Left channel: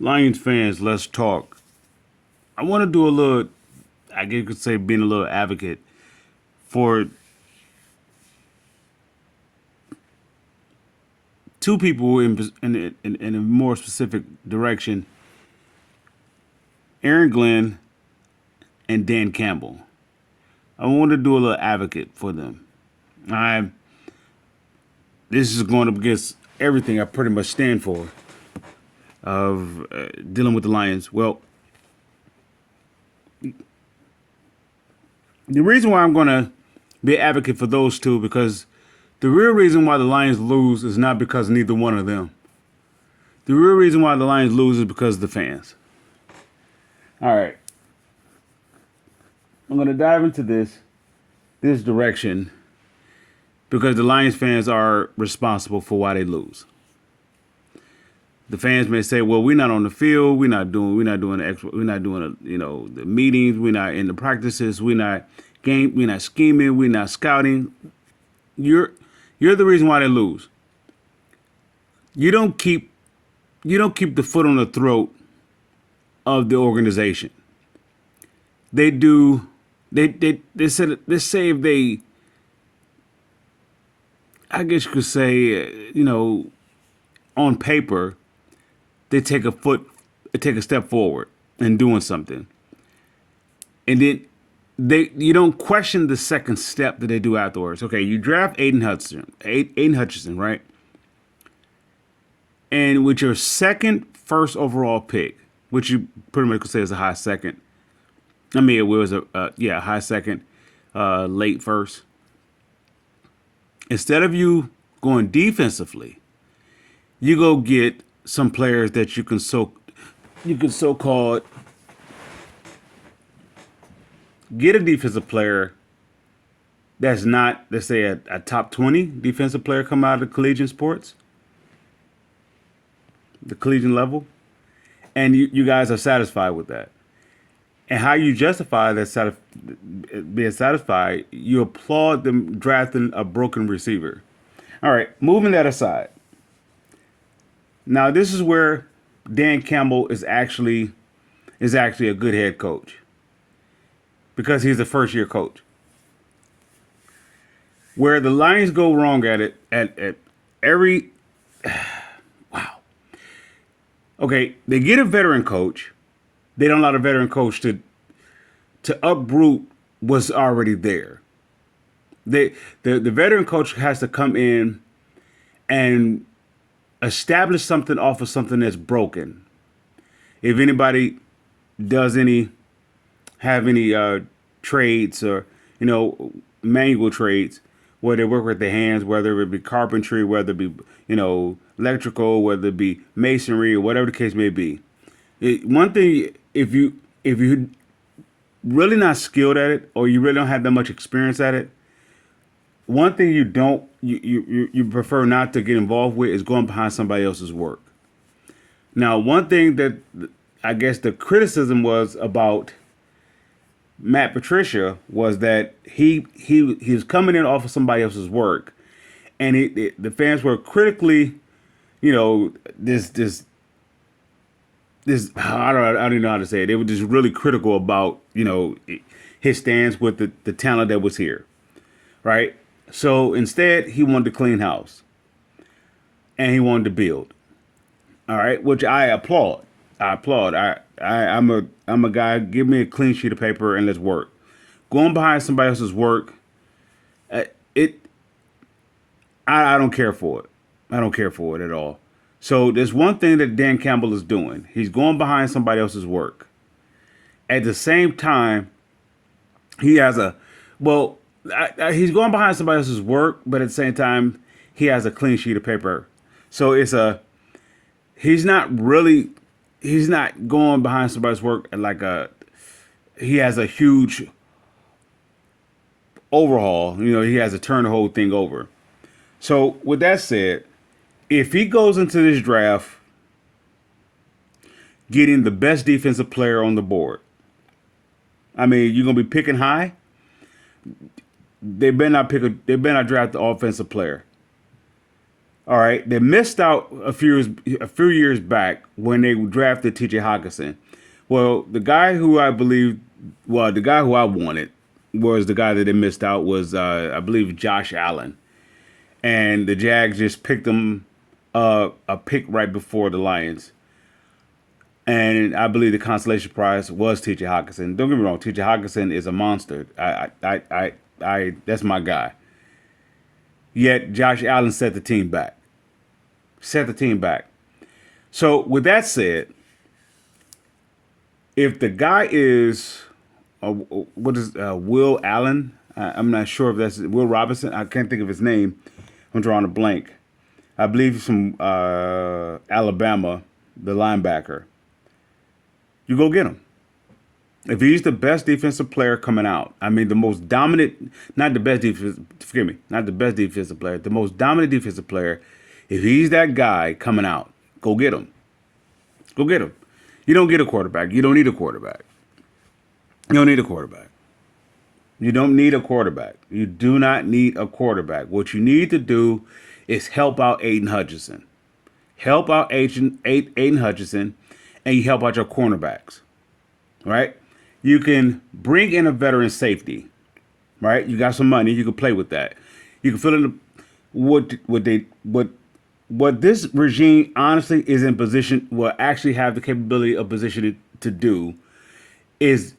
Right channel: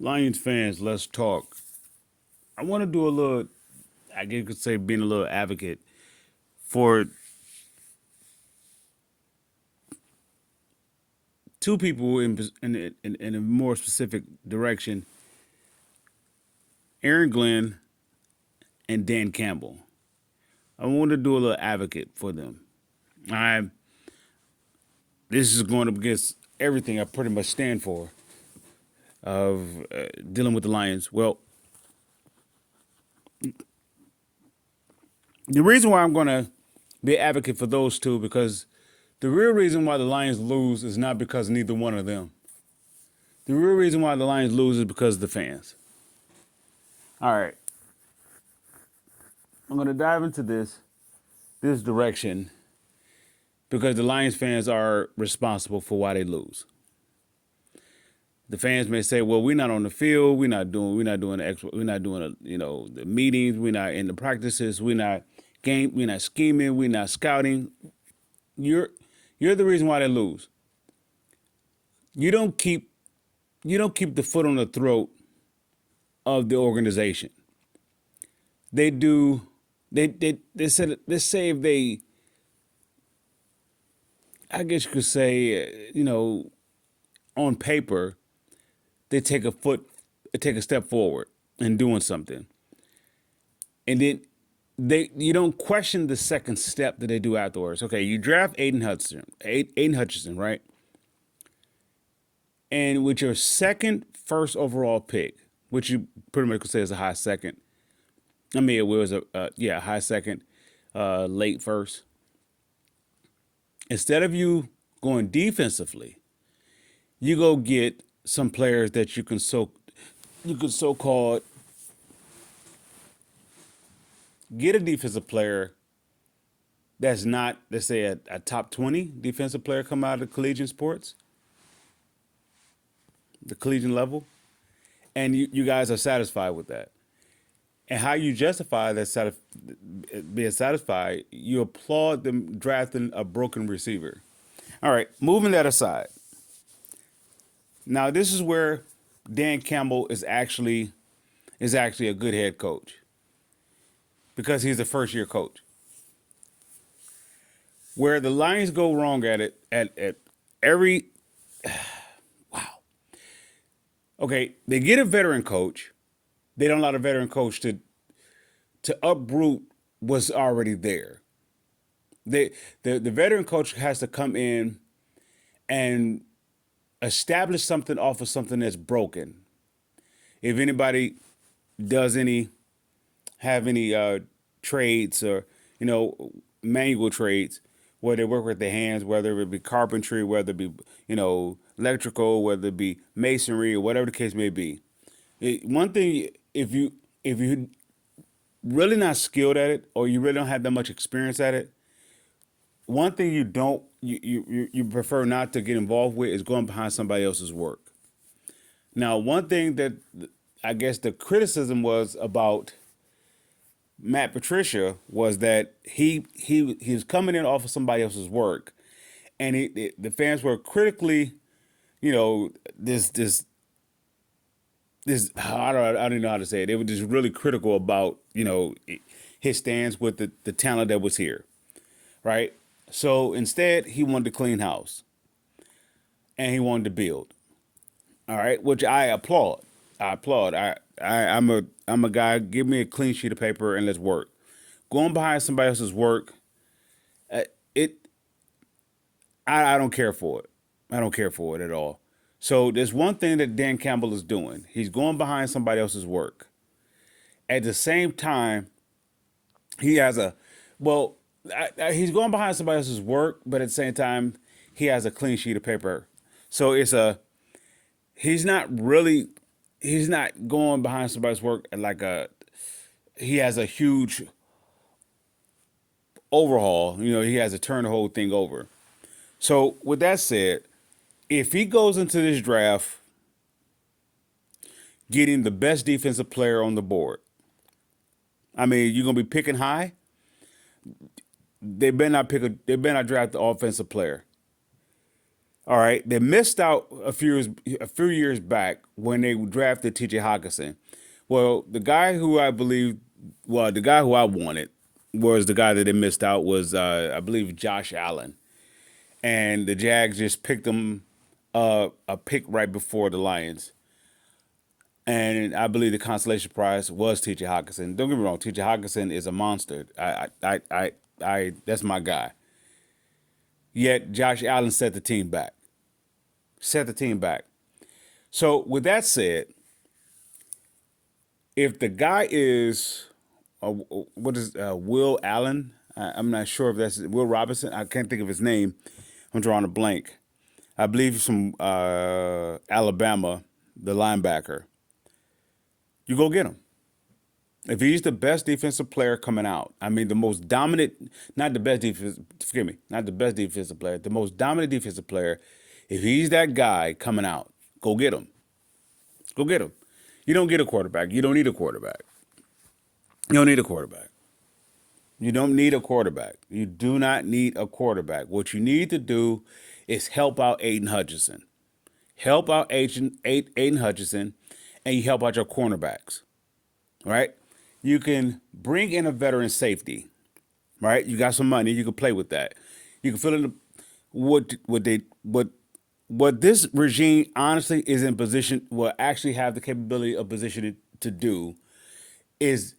Lions fans, let's talk. I want to do a little, I guess you could say, being a little advocate for two people in a more specific direction: Aaron Glenn and Dan Campbell. I want to do a little advocate for them. I This is going up against everything I pretty much stand for of dealing with the Lions. Well, the reason why I'm going to be an advocate for those two because the real reason why the Lions lose is not because of neither one of them. The real reason why the Lions lose is because of the fans. All right, I'm going to dive into this direction because the Lions fans are responsible for why they lose. The fans may say, "Well, we're not on the field. We're not doing the meetings. We're not in the practices. We're not scheming. We're not scouting." You're you're the reason why they lose. You don't keep you don't keep the foot on the throat of the organization. They do. They say if they, I guess you could say, on paper, they take a step forward in doing something, and then you don't question the second step that they do afterwards. Okay, you draft Aiden Hutchinson, right? And with your second first overall pick, which you pretty much could say is a high second. I mean, it was a high second, late first. Instead of you going defensively, you go get some players that you can so called get a defensive player that's not, let's say, a top 20 defensive player come out of the collegiate sports, the collegiate level, and you guys are satisfied with that. And how you justify being satisfied, you applaud them drafting a broken receiver. All right, moving that aside. Now this is where Dan Campbell is actually a good head coach because he's a first year coach. Where the Lions go wrong at every wow. Okay, they get a veteran coach. They don't allow the veteran coach to uproot what's already there. The veteran coach has to come in and establish something off of something that's broken. If anybody does any trades or manual trades where they work with their hands, whether it be carpentry, whether it be electrical, whether it be masonry or whatever the case may be. One thing, if you really not skilled at it or you really don't have that much experience at it, one thing you prefer not to get involved with is going behind somebody else's work. Now, one thing that I guess the criticism was about Matt Patricia was that he was coming in off of somebody else's work, and the fans were critically, this I don't know how to say it. They were just really critical about his stance with the talent that was here, right? So instead, he wanted to clean house and he wanted to build. All right, which I applaud. I applaud. I'm a guy. Give me a clean sheet of paper and let's work. Going behind somebody else's work, it I don't care for it. I don't care for it at all. So there's one thing that Dan Campbell is doing. He's going behind somebody else's work. At the same time, he has a well, he's going behind somebody else's work, but at the same time, he has a clean sheet of paper. So he's not really he's not going behind somebody's work like he has a huge overhaul. He has to turn the whole thing over. So with that said, if he goes into this draft getting the best defensive player on the board, I mean, you're gonna be picking high. They better not draft the offensive player. All right, they missed out a few years back when they drafted T.J. Hawkinson. Well, the guy who I wanted was the guy that they missed out was I believe Josh Allen, and the Jags just picked him a pick right before the Lions. And I believe the consolation prize was T.J. Hawkinson. Don't get me wrong, T.J. Hawkinson is a monster. That's my guy. Yet Josh Allen set the team back. Set the team back. So with that said, if the guy is, what is Will Allen? I'm not sure if that's Will Robinson. I can't think of his name. I'm drawing a blank. I believe he's from Alabama, the linebacker. You go get him. If he's the best defensive player coming out, I mean the most dominant, not the best defense, forgive me, not the best defensive player, the most dominant defensive player, if he's that guy coming out, go get him. Go get him. You don't get a quarterback. You don't need a quarterback. You don't need a quarterback. You don't need a quarterback. You do not need a quarterback. What you need to do is help out Aiden Hutchinson. Help out Aiden Hutchinson, and you help out your cornerbacks. Right? You can bring in a veteran safety. Right? You got some money. You can play with that. You can fill in what this regime honestly is in position will actually have the capability of positioning to do is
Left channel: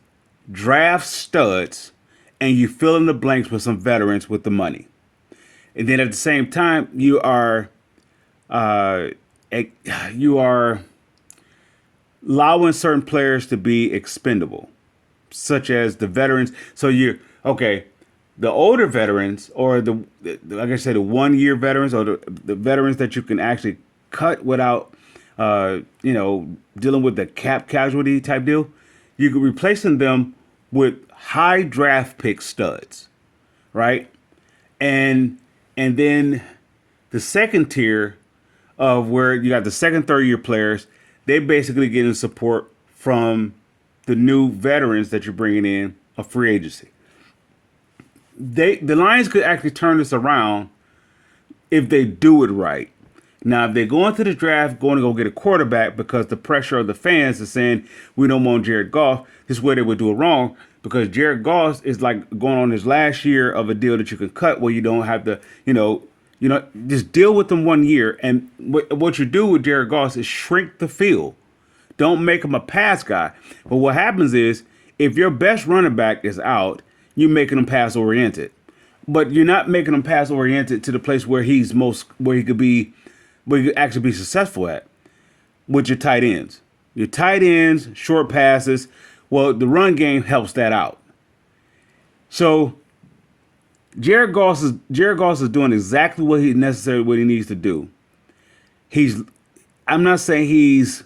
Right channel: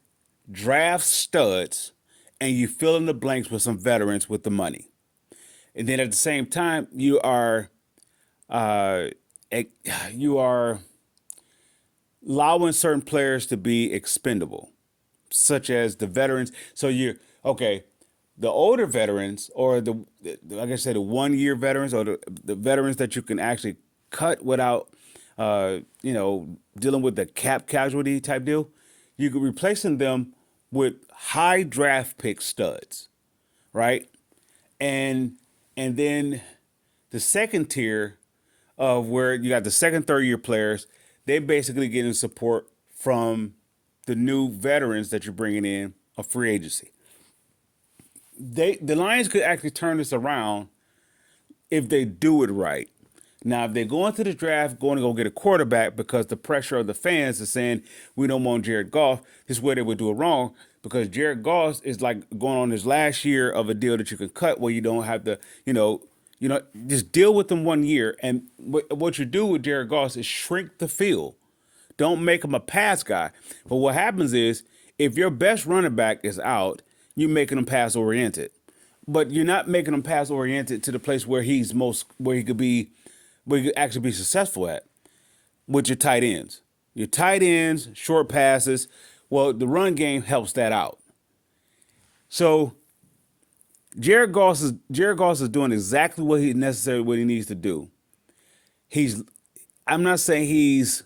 draft studs and you fill in the blanks with some veterans with the money. And then at the same time, uh, you are allowing certain players to be expendable, such as the veterans. So okay, the older veterans or like I said, the 1 year veterans or the veterans that you can actually cut without, dealing with the cap casualty type deal. You can replacing them with high draft pick studs, right? And then the second tier of where you got the second, third year players, they basically getting support from the new veterans that you're bringing in of free agency. The Lions could actually turn this around if they do it right. Now, if they go into the draft going to go get a quarterback because the pressure of the fans is saying we don't want Jared Goff, this is where they would do it wrong because Jared Goff is like going on his last year of a deal that you can cut where you don't have to, just deal with them 1 year. And what you do with Jared Goff is shrink the field. Don't make him a pass guy. But what happens is if your best running back is out, you're making him pass oriented. But you're not making him pass oriented to the place where he could actually be successful at, with your tight ends. Your tight ends, short passes. Well, the run game helps that out. So Jared Goff is doing exactly what he needs to do. I'm not saying he's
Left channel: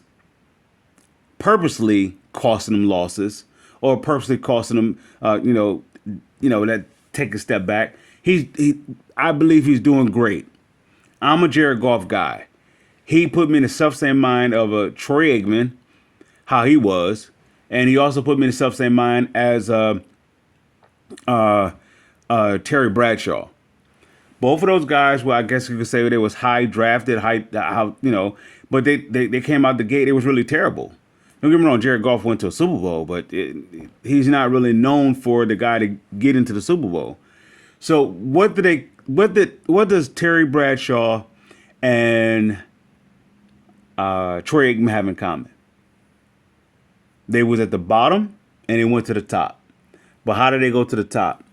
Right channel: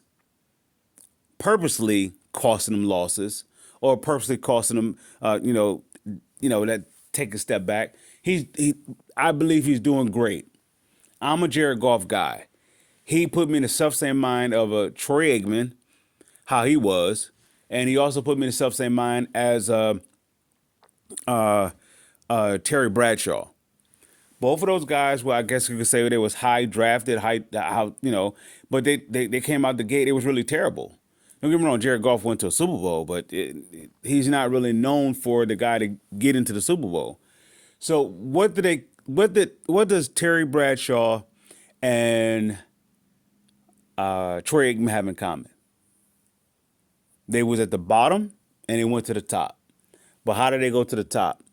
purposely costing them losses or purposely costing them, that take a step back. I believe he's doing great. I'm a Jared Goff guy. He put me in the self-same mind of a Troy Aikman, how he was, and he also put me in the self-same mind as Terry Bradshaw. Both of those guys, well, I guess you could say they was high drafted, but they came out the gate. It was really terrible. Don't get me wrong, Jared Goff went to a Super Bowl, but he's not really known for the guy to get into the Super Bowl. So what does Terry Bradshaw and Troy Aikman have in common? They was at the bottom and they went to the top. But how did they go to the top?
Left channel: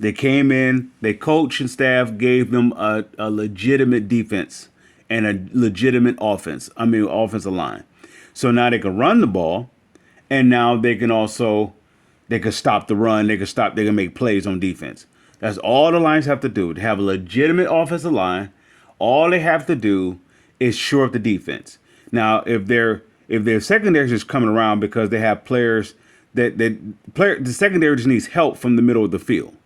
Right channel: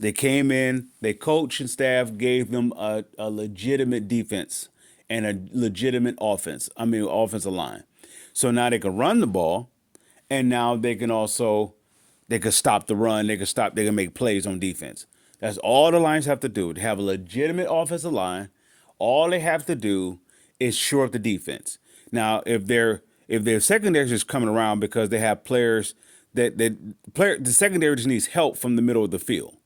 They came in, they coach and staff gave them a legitimate defense and a legitimate offensive line. So now they can run the ball, and now they can stop the run, they can make plays on defense. That's all the Lions have to do. To have a legitimate offensive line, all they have to do is shore up the defense. Now, if their secondary is just coming around because they have players the secondary just needs help from the middle of the field.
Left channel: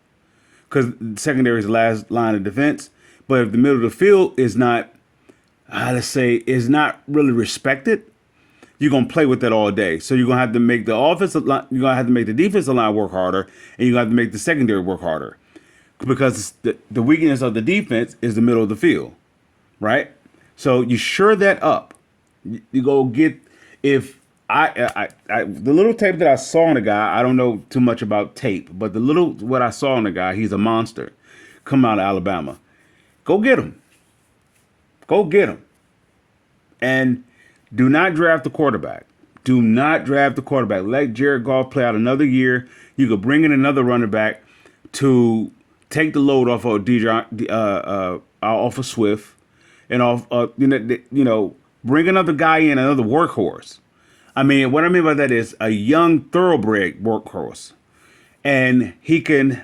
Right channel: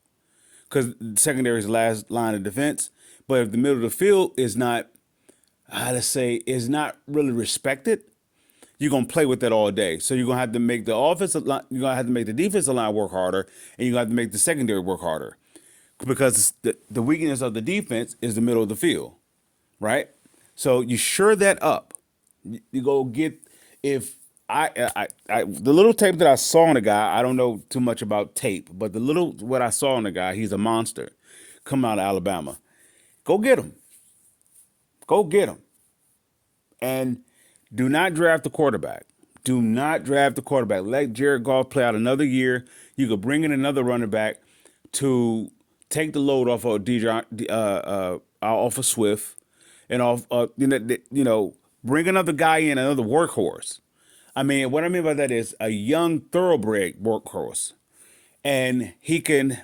Because the secondary is the last line of defense. But if the middle of the field is not, is not really respected, you're gonna play with that all day. So you're gonna have to make the defensive line work harder, and you're gonna have to make the secondary work harder, because the weakness of the defense is the middle of the field. right? So you sure that up. You go get if the little tape that I saw on the guy. I don't know too much about tape, but the little what I saw on the guy, he's a monster. Come out of Alabama, go get him. Go get him. And do not draft the quarterback. Do not draft the quarterback. Let Jared Goff play out another year. You could bring in another running back to take the load off of off of Swift, and off bring another guy in, another workhorse. I mean, what I mean by that is a young thoroughbred workhorse, and he can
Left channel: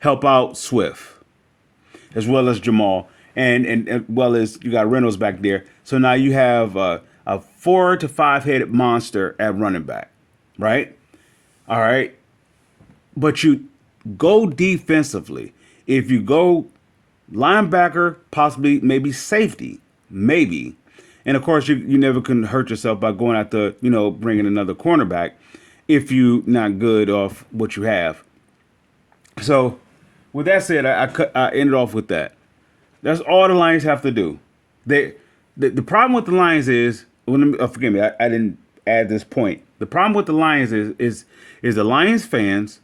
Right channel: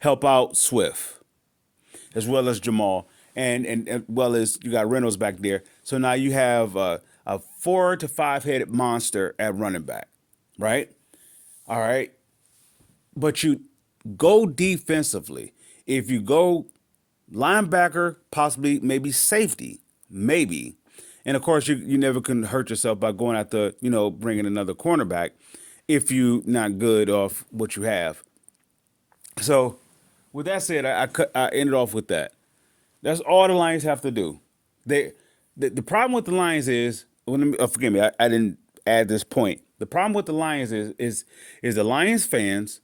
help out Swift as well as Jamal, and well as you got Reynolds back there. So now you have a 4 to 5 headed monster at running back, right? All right, but you go defensively. If you go linebacker, possibly maybe safety, maybe, and of course you never can hurt yourself by going after bringing another cornerback if you not good off what you have. So with that said, I ended off with that. That's all the Lions have to do. The problem with the Lions is, forgive me, I didn't add this point. The problem with the Lions is the Lions fans,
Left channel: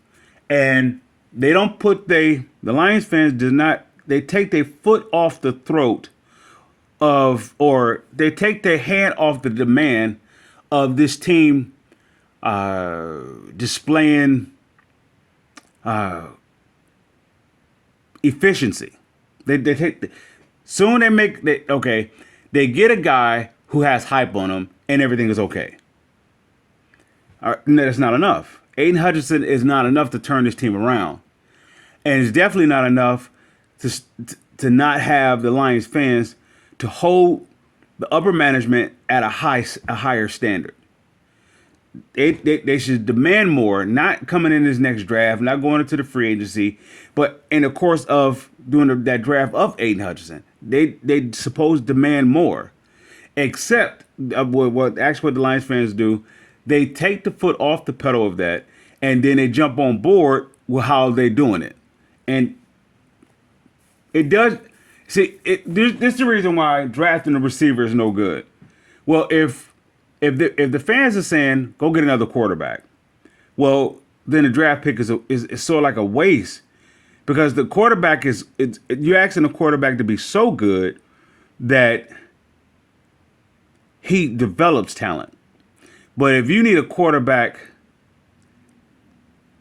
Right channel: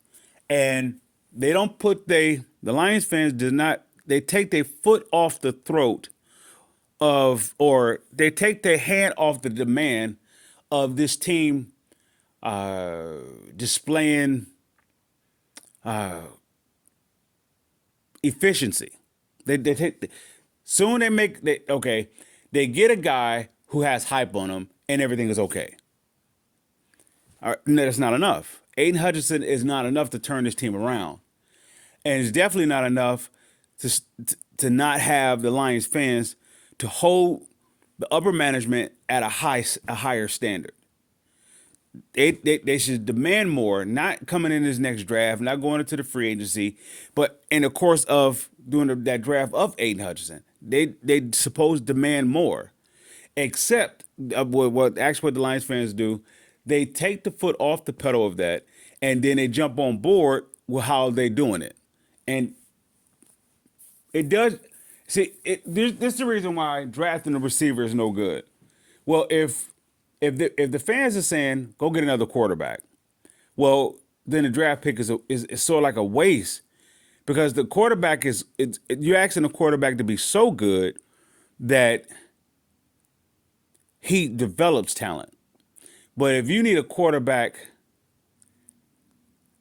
and they don't put the Lions fans do not, they take their foot off the throat of, or they take their hand off the demand of this team displaying efficiency. They take soon they get a guy who has hype on him and everything is okay. That's not enough. Aiden Hutchinson is not enough to turn this team around, and it's definitely not enough to not have the Lions fans to hold the upper management at a higher standard. They should demand more, not coming in this next draft, not going into the free agency, but in the course of doing that draft of Aiden Hutchinson. They supposed to demand more. Except what the Lions fans do, they take the foot off the pedal of that, and then they jump on board with how they're doing it. And it does, this is the reason why drafting a receiver is no good. Well, if the fans are saying go get another quarterback, well, then the draft pick is sort of like a waste, because the quarterback you're asking the quarterback to be so good that he develops talent. But if you need a quarterback,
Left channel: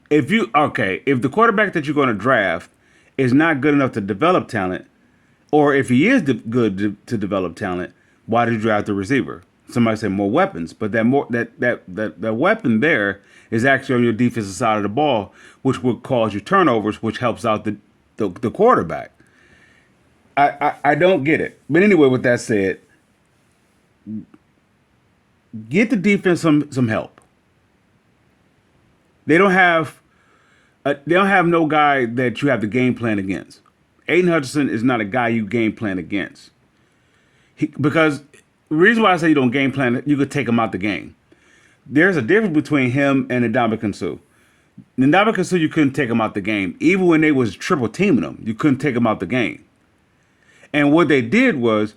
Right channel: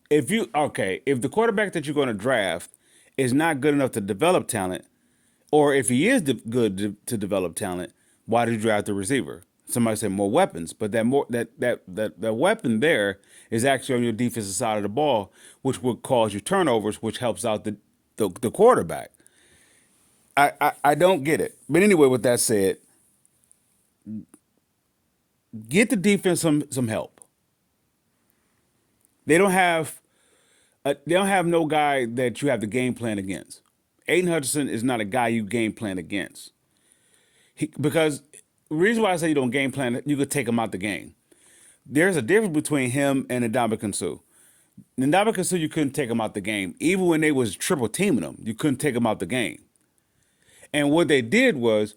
if the quarterback that you're going to draft is not good enough to develop talent, or if he is good to develop talent, why did you draft the receiver? Somebody said more weapons, but that weapon there is actually on your defensive side of the ball, which would cause you turnovers, which helps out the quarterback. I don't get it. But anyway, with that said, get the defense some help. They don't have no guy that you have to game plan against. Aiden Hutchinson is not a guy you game plan against. Because the reason why I say you don't game plan, you could take him out the game. There's a difference between him and Ndamukong Suh. Ndamukong Suh, you couldn't take him out the game. Even when they was triple teaming him, you couldn't take him out the game. And what they did was,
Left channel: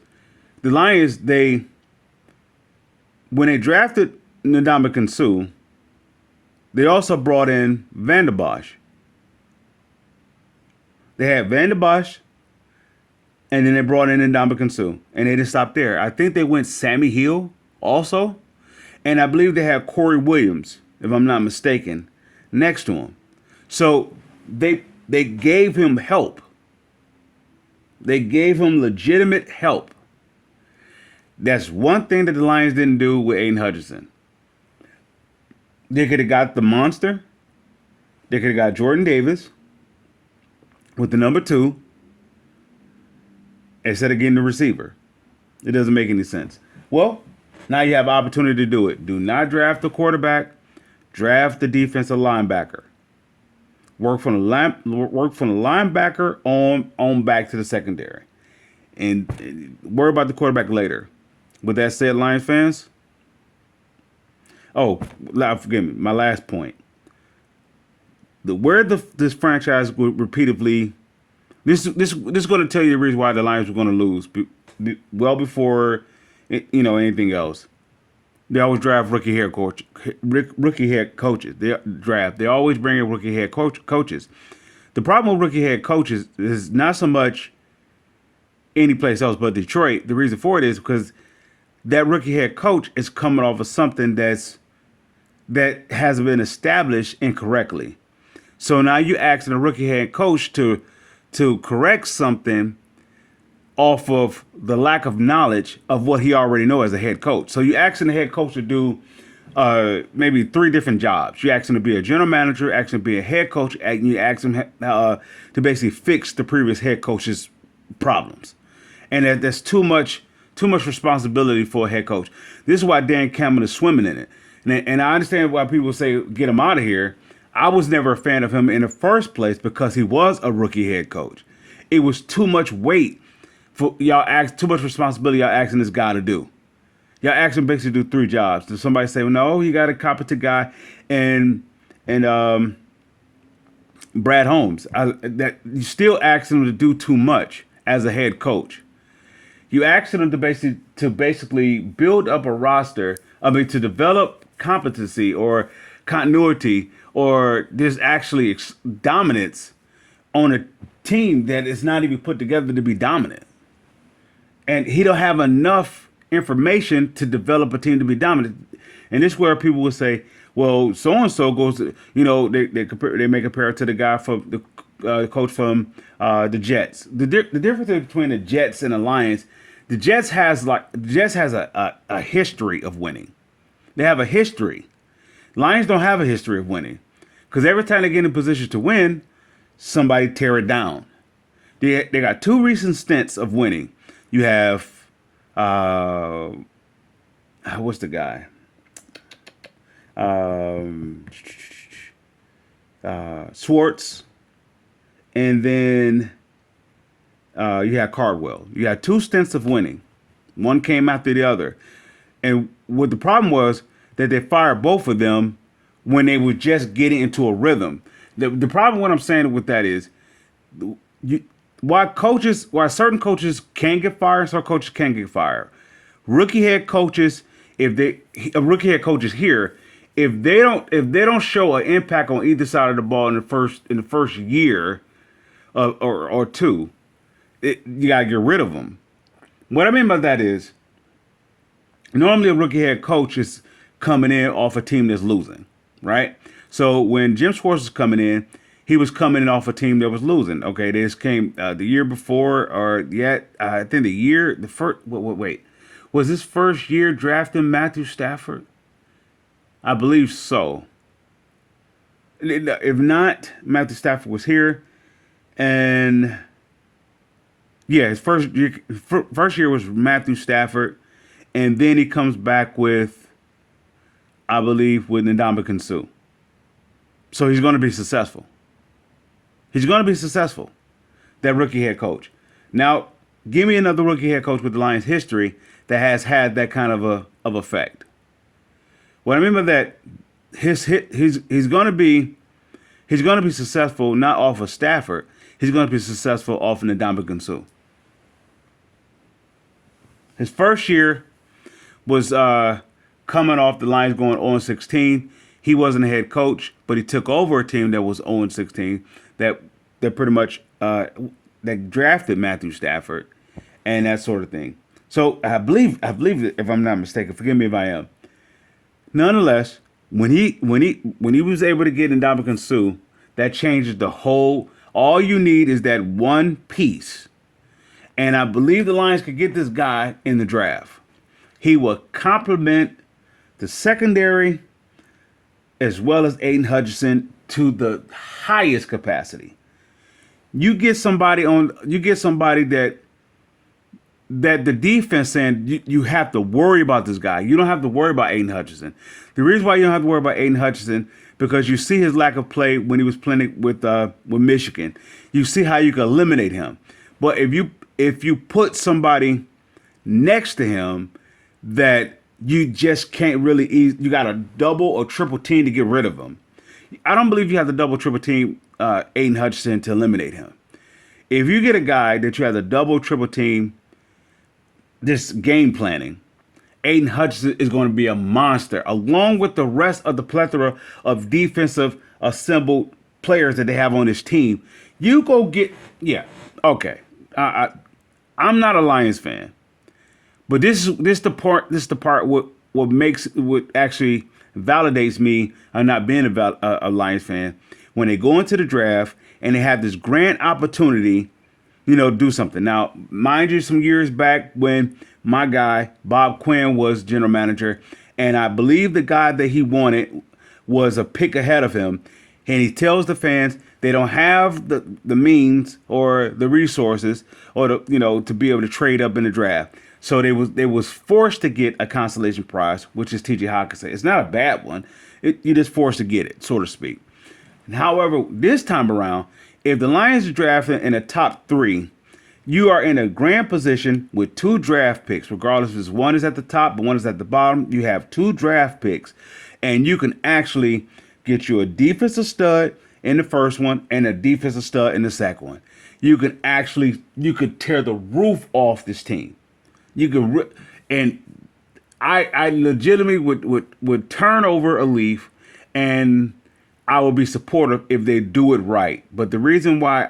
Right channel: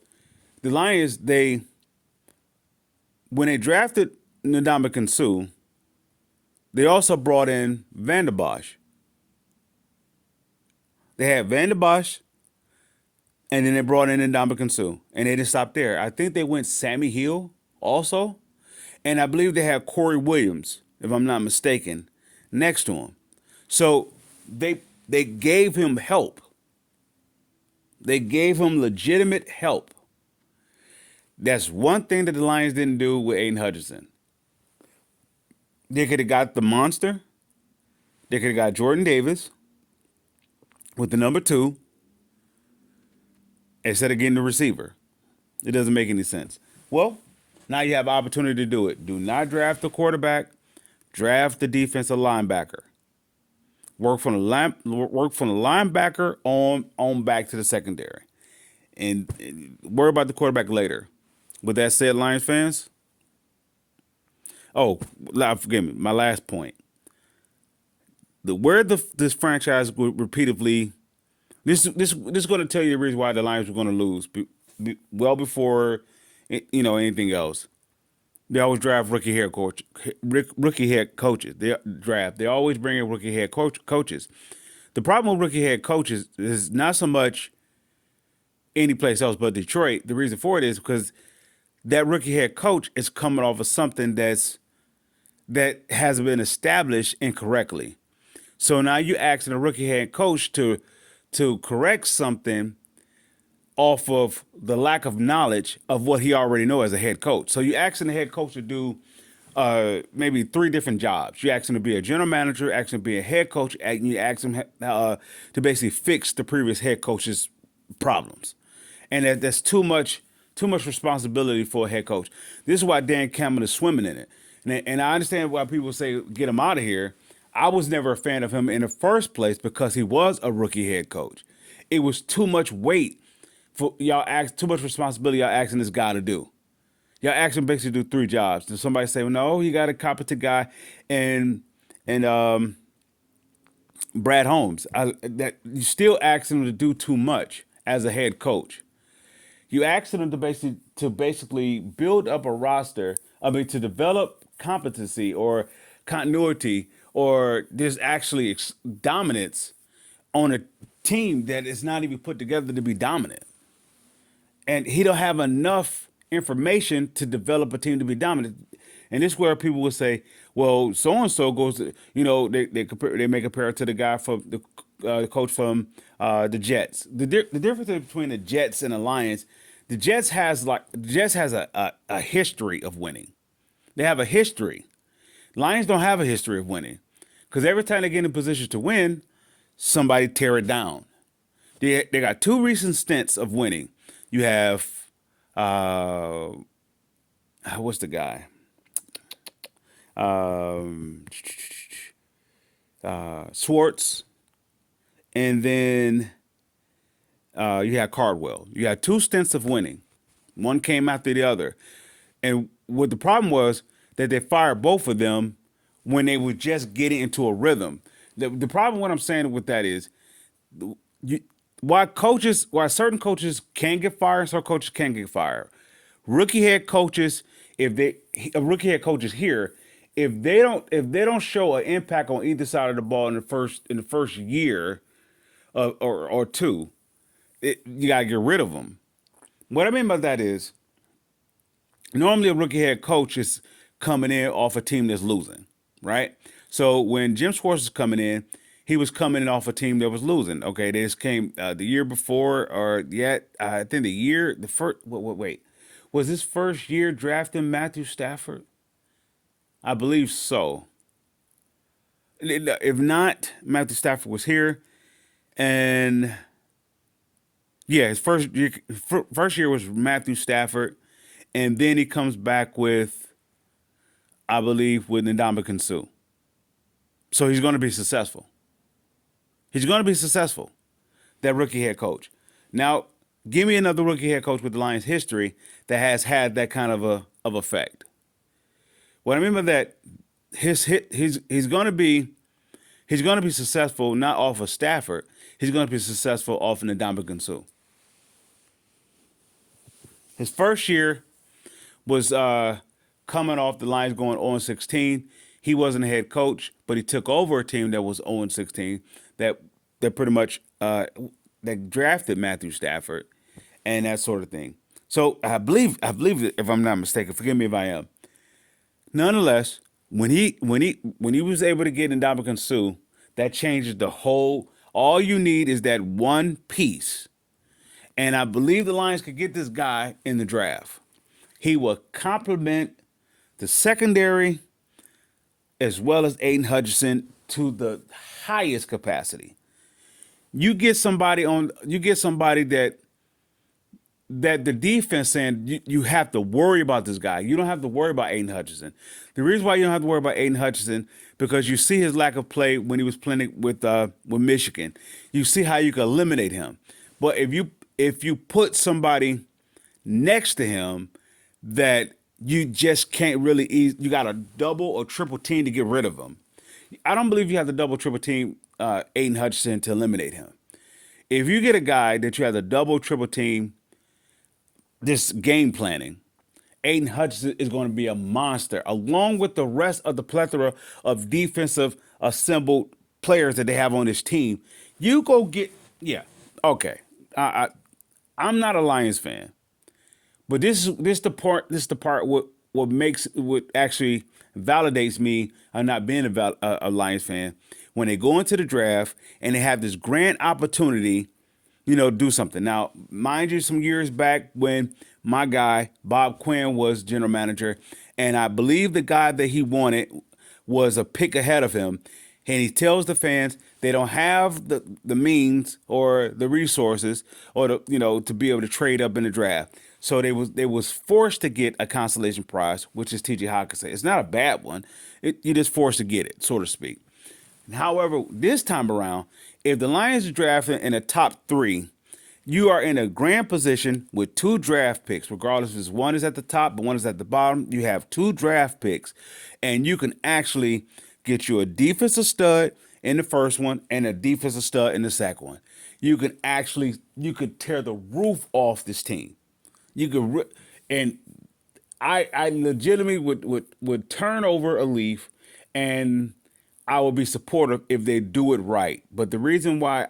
the Lions, when they drafted Ndamukong Suh, they also brought in Van Der Bosch. They had Van Der Bosch, and then they brought in Ndamukong Suh, and they didn't stop there. I think they went Sammy Hill also, and I believe they had Corey Williams, if I'm not mistaken, next to him. So they gave him help. They gave him legitimate help. That's one thing that the Lions didn't do with Aiden Hutchinson. They could have got the monster. They could have got Jordan Davis with the number 2 instead of getting the receiver. It doesn't make any sense. Well, now you have opportunity to do it. Do not draft the quarterback. Draft the defensive linebacker. Work from the linebacker on back to the secondary, and worry about the quarterback later. With that said, Lions fans. Oh, forgive me. My last point. This franchise repeatedly. This is going to tell you the reason why the Lions were going to lose. well before anything else. They always draft rookie head coaches. They always bring in rookie head coaches. The problem with rookie head coaches is not so much any place else but Detroit. The reason for it is because that rookie head coach is coming off of something that has been established incorrectly. So now you asking a rookie head coach to correct something off of the lack of knowledge of what he already knows as a head coach. So you asking the head coach to do maybe 3 different jobs. You ask him to be a general manager, ask him to be a head coach, and you ask him to basically fix the previous head coach's problems. And that's too much responsibility for a head coach. This is why Dan Campbell is swimming in it. And I understand why people say get him out of here. I was never a fan of him in the first place because he was a rookie head coach. It was too much weight for y'all, too much responsibility y'all asking this guy to do. Y'all asking him basically to do 3 jobs. Does somebody say, well, no, you got a competent guy and Brad Holmes? That you still asking him to do too much as a head coach. You asking him to basically build up a roster. To develop competency or continuity or there's actually dominance on a team that is not even put together to be dominant. And he don't have enough information to develop a team to be dominant. And this is where people will say, well, so and so goes to, they may compare it to the guy from the coach from the Jets. The difference between the Jets and the Lions, the Jets has a history of winning. They have a history. Lions don't have a history of winning because every time they get in position to win, somebody tear it down. They got 2 recent stints of winning. You have what's the guy? Schwartz, and then you had Cardwell. You had 2 stints of winning. One came after the other. And what the problem was that they fired both of them when they were just getting into a rhythm. The problem, what I'm saying with that is, why certain coaches can get fired, certain coaches can't get fired. Rookie head coaches, rookie head coaches here, if they don't show an impact on either side of the ball in the first year or 2, you gotta get rid of them. What I mean by that is, normally a rookie head coach is coming in off a team that's losing, right? So when Jim Schwartz was coming in, he was coming in off a team that was losing. Okay, they just came the year before, or yet I think the first. Wait, was his first year drafting Matthew Stafford? I believe so. If not, Matthew Stafford was here, and yeah, his first year was Matthew Stafford. And then he comes back with, I believe, with Ndamukong Suh. So he's going to be successful. He's going to be successful, that rookie head coach. Now, give me another rookie head coach with the Lions history that has had that kind of effect. What I mean by that, he's going to be successful not off of Stafford. He's going to be successful off of Ndamukong Suh. His first year was coming off the Lions going 0-16. He wasn't a head coach, but he took over a team that was 0-16 that pretty much that drafted Matthew Stafford and that sort of thing. So I believe if I'm not mistaken, forgive me if I am. Nonetheless, when he was able to get Ndamukong Suh, that changes the whole. All you need is that one piece, and I believe the Lions could get this guy in the draft. He will complement the secondary as well as Aiden Hutchinson to the highest capacity. You get somebody that the defense and you have to worry about this guy. You don't have to worry about Aiden Hutchinson. The reason why you don't have to worry about Aiden Hutchinson because you see his lack of play when he was playing with Michigan. You see how you can eliminate him. But if you put somebody next to him that you just can't really you got a double or triple team to get rid of him. I don't believe you have to double triple team Aiden Hutchinson to eliminate him. If you get a guy that you have to double triple team this game planning, Aiden Hutchinson is going to be a monster, along with the rest of the plethora of defensive assembled players that they have on this team. You go get, yeah, okay. I'm not a Lions fan, but this the part what makes what actually validates me on not being a Lions fan when they go into the draft and they have this grand opportunity, do something. Now, mind you, some years back when my guy Bob Quinn was general manager, and I believe the guy that he wanted was a pick ahead of him, and he tells the fans they don't have the means or the resources or to be able to trade up in the draft. So they was forced to get a consolation prize, which is T.J. Hawkinson. It's not a bad one. You're just forced to get it, so to speak. However, this time around, if the Lions are drafted in the top three, you are in a grand position with two draft picks, regardless if one is at the top but one is at the bottom. You have two draft picks, and you can actually get you a defensive stud in the first one and a defensive stud in the second one. You could tear the roof off this team. You could, and I legitimately would turn over a leaf, and I would be supportive if they do it right. But the reason why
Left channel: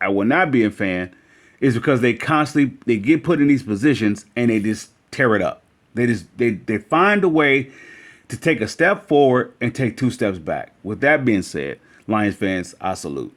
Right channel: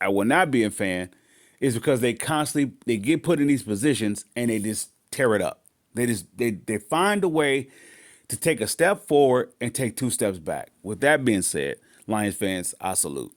I will not be a fan is because they get put in these positions and they just tear it up. They find a way to take a step forward and take two steps back. With that being said, Lions fans, I salute.